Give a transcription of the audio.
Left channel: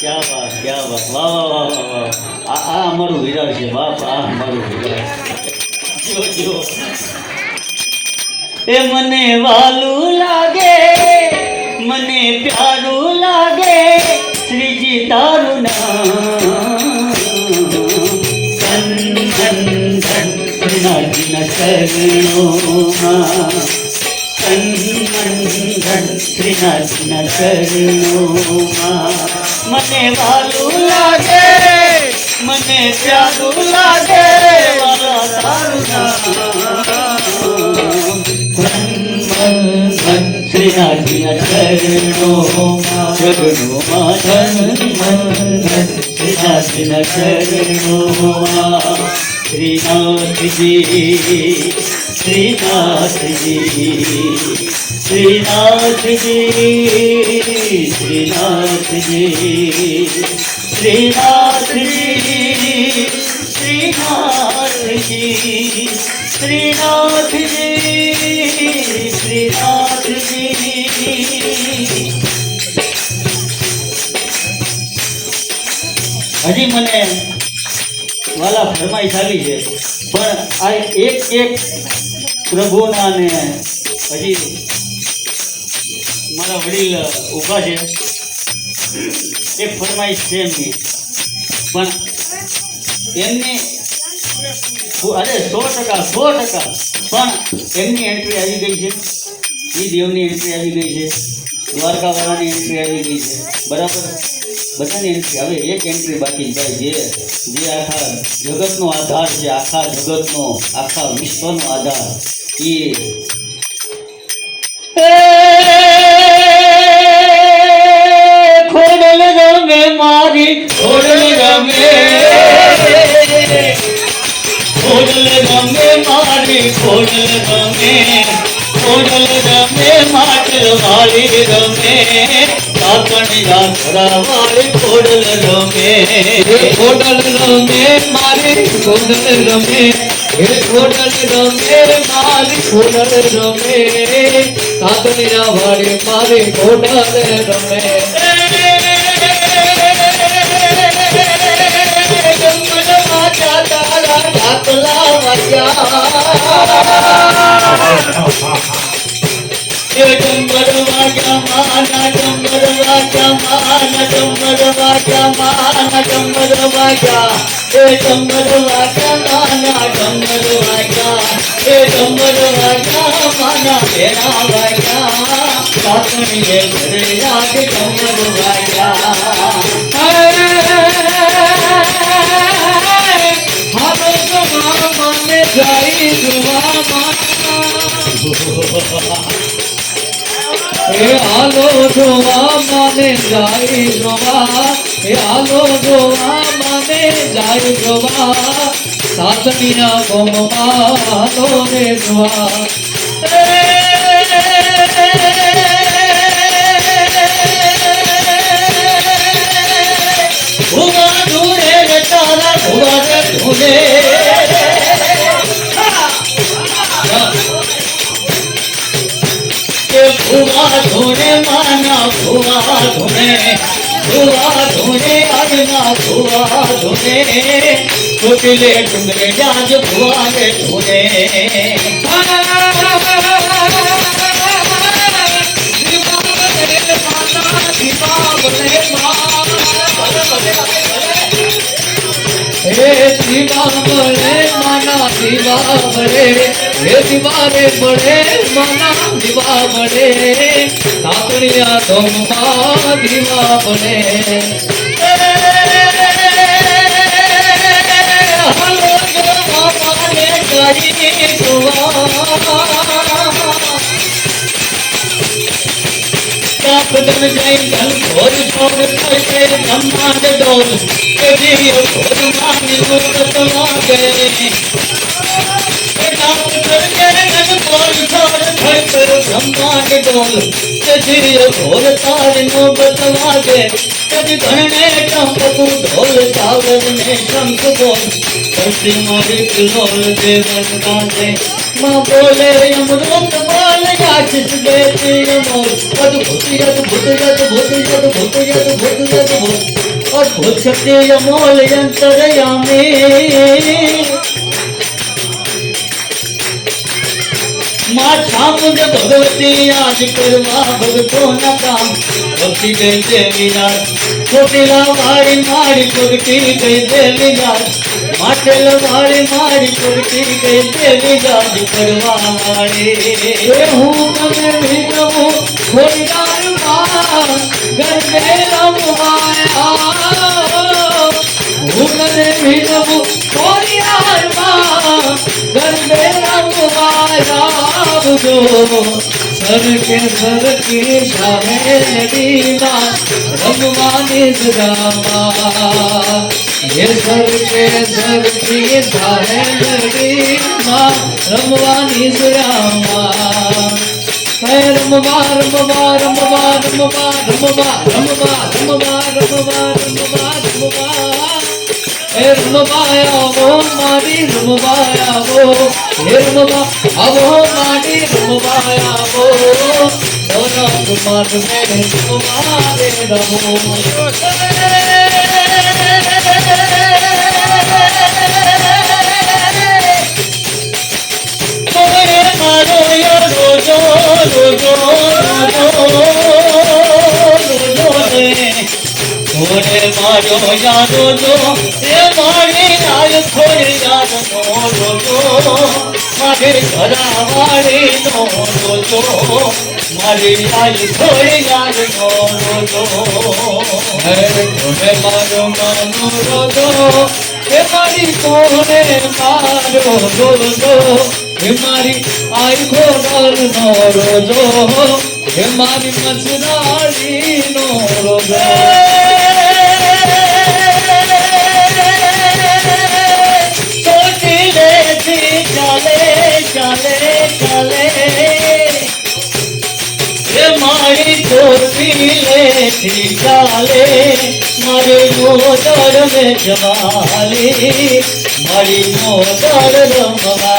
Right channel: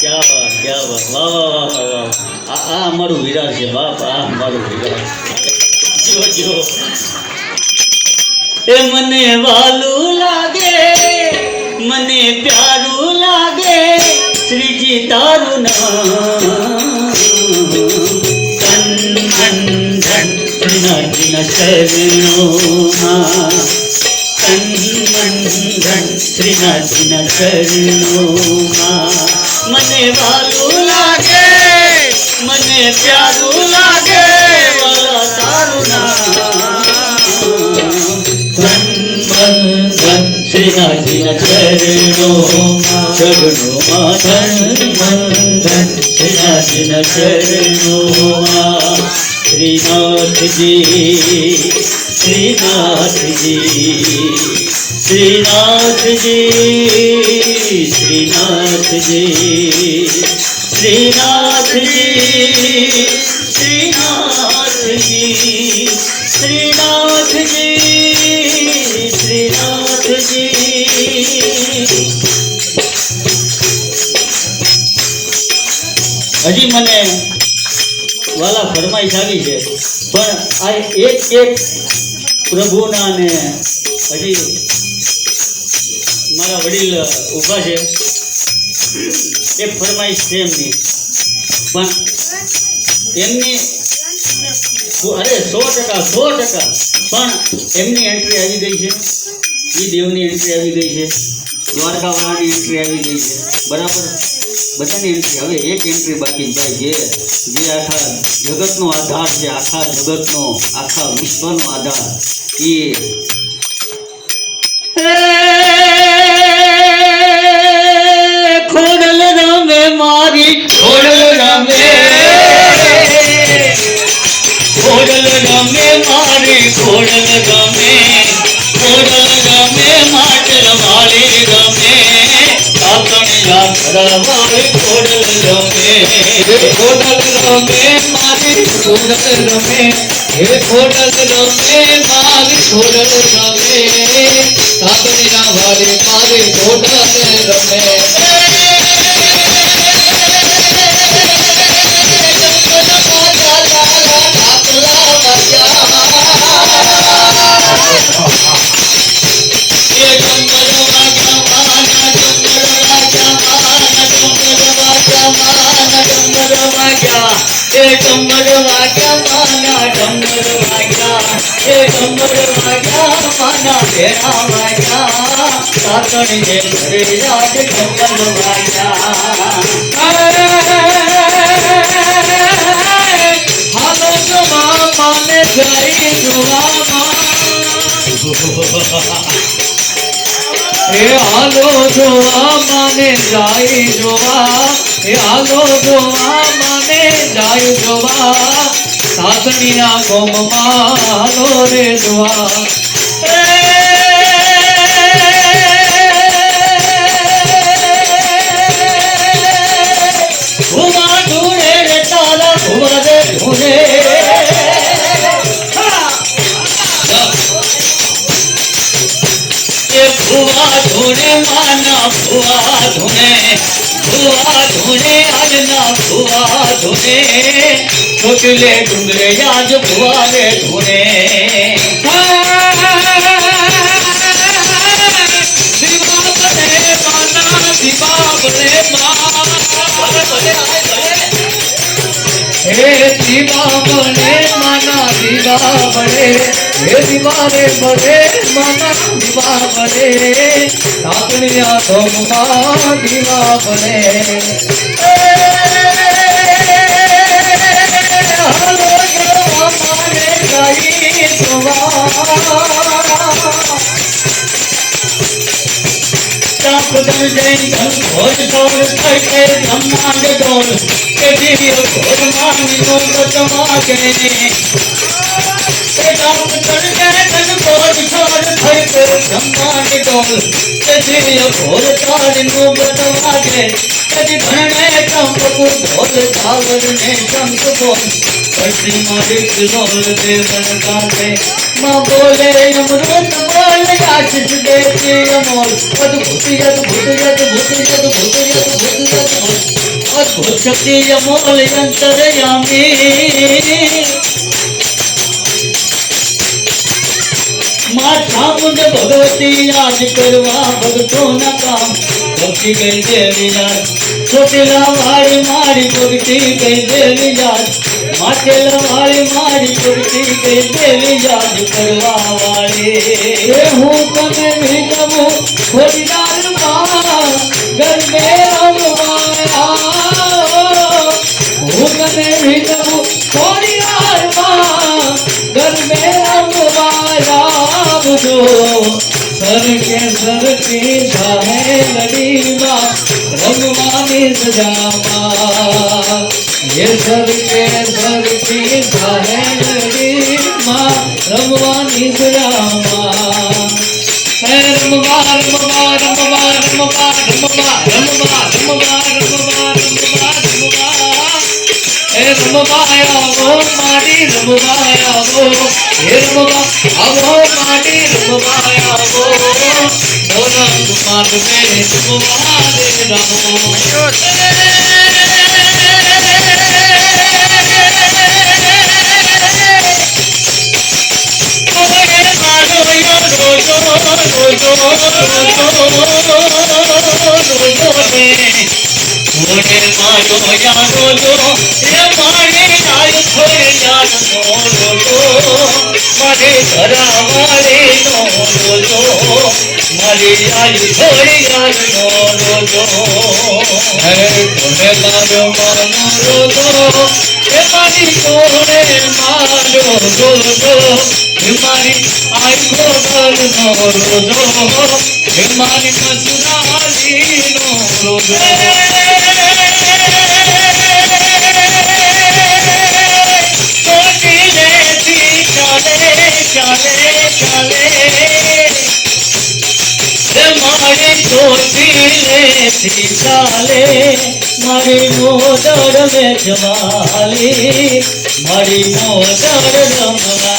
क्या बात, क्या बात, वाह वाह વાહ વાહ વાહ. આ અમારું વિરાટ છે બાપ, આ અમારું વિરાટ. જો જો એ મને વાલું લાગે, મને પ્યારું લાગે, શ્રીજી તારું નામ. ધન ધન ધન શ્રીનાથજીના ચરણોમાં, ધન ધન ધન શ્રીનાથજીના ચરણોમાં. મને વાલું લાગે, મને પ્યારું લાગે, વાલા તારું નામ. ધન ધન ધન શ્રીનાથજીના ચરણોમાં, ચરણોમાં ધન ધન ધન શ્રીનાથજીના ચરણોમાં. શ્રીનાથજી, શ્રીનાથજી, શ્રીનાથજી, શ્રીનાથજી, શ્રીનાથજી, શ્રીનાથજી, શ્રીનાથજી, શ્રીનાથજી. હજી મને વાલા ફરમાઈશ આવી છે, પણ આ એક એક પ્રભુના ને હજી મારા વડીલ ઊભા છે, એક ફરમાઈશ છે એમની, પણ એમની અરે 100% પણ એમની એન્ટ્રી આવી ગઈ છે, એ દેવની એન્ટ્રી આવી ગઈ છે, દ્વારકાવાળાની એન્ટ્રી આવી ગઈ છે, બરાબર. બધાની એન્ટ્રી. હવે એક એન્ટ્રી બાકી ભાઈ, જે આખા જગતનો આધાર છે, આખા જગતનો, આખા વિશ્વનો આધાર, એ ખોડલ રમે મારી, ખોડલ રમે, ખોડલ રમે મારી, ખોડલ રમે, ખોડલ રમે માટલ વાળી રમે, કાકણિયા ઘરવાળી ખોડલ રમે, ખોડલ રમે મારી, ખોડલ રમે, હે ખોડલ રમે મારી, ખોડલ રમે, કાકણિયા વાળી મારી ખોડલ રમે. હાલો જોવા માને જાય જોવા, હાલો જોવા માને જાય જોવા, સાસણીના ગોમમાં હાલો રે જોવા. ભુવા ઢૂંઢે રે તારા ભુવા રે ઢૂંઢે, ભુવા ઢૂંઢે માના ભુવા ઢૂંઢે, ભુવા ઢૂંઢે આજના ભુવા ઢૂંઢે, ચોટલે ડુંગરે જાજ ભુવા રે ઢૂંઢે. હે દીવા બળે માના દીવા બળે, હે દીવારે બળે માના દીવા બળે, કાકણિયા ગોમમાં દીવા બળે. હાલો જોવા માને જાય જોવા, બદલ જય ધન ઘોર છોડ થશે બ્રહ્માંડ ડોલ, કે દિવ્ય ઘોર માની નો બતવા ગયે, કે ગામ કર જય ધન ઘોર છોડ થશે બ્રહ્માંડ ડોલ, કે દિવ્ય ઘોર તારી નો બતવા ગયે, કદી ધરણે ચંપકુ ઢોલ ચાવર ને શંખ બોલ, પશ્ચિમ રીત ઢોલ દેવન કાંગે, માં બોલે અમૃત બોલ આશીષ દેતી અમોલ, અદભુત અદભુત અદભુત અદભુત અદભુત અદભુત. शक्ति अमोल अंतरयामी माथा मुझे भगवती आज करवा भगतो न काम भक्ति गई देवी यार छोटीला वाड़ी मारी भक्ति गई देवी यार माटेला वाड़ी मारी भक्ति गई देवी यार करवा वाड़ी हूँ कभी भी जबू थोड़ी दार बाबा घर में रमवाया हूँ कभी भी जबू थोड़ी दार बाबा घर में रमवाया सर की जाहे लड़ीवा रघुमानी सजावा ये सर की जाहे लड़ीवा रघुमानी सजावा रमवा रमवा रमवा रमवा रमवा रमवा रमवा रमवा रमवा रमवा रमवाया वो मारी रमवाया वो रमवा वो मारी रमवाया वो रंग मार में तुम्हारे रमो मारो ये रोजो मारो यारो ये मारे आयो थोड़े यार मोरो मारे घरा वाले नो रोजो मारे आई थोड़े यार मोरो तुम्हें मारो मानो रोजो ये मारी कोने मारो रोजो ये मारी आई थोड़ा नो रोजो ये मारी मसुराली नो रोजो चाले मारी मोदर में जमाली मारी मोदर रमवा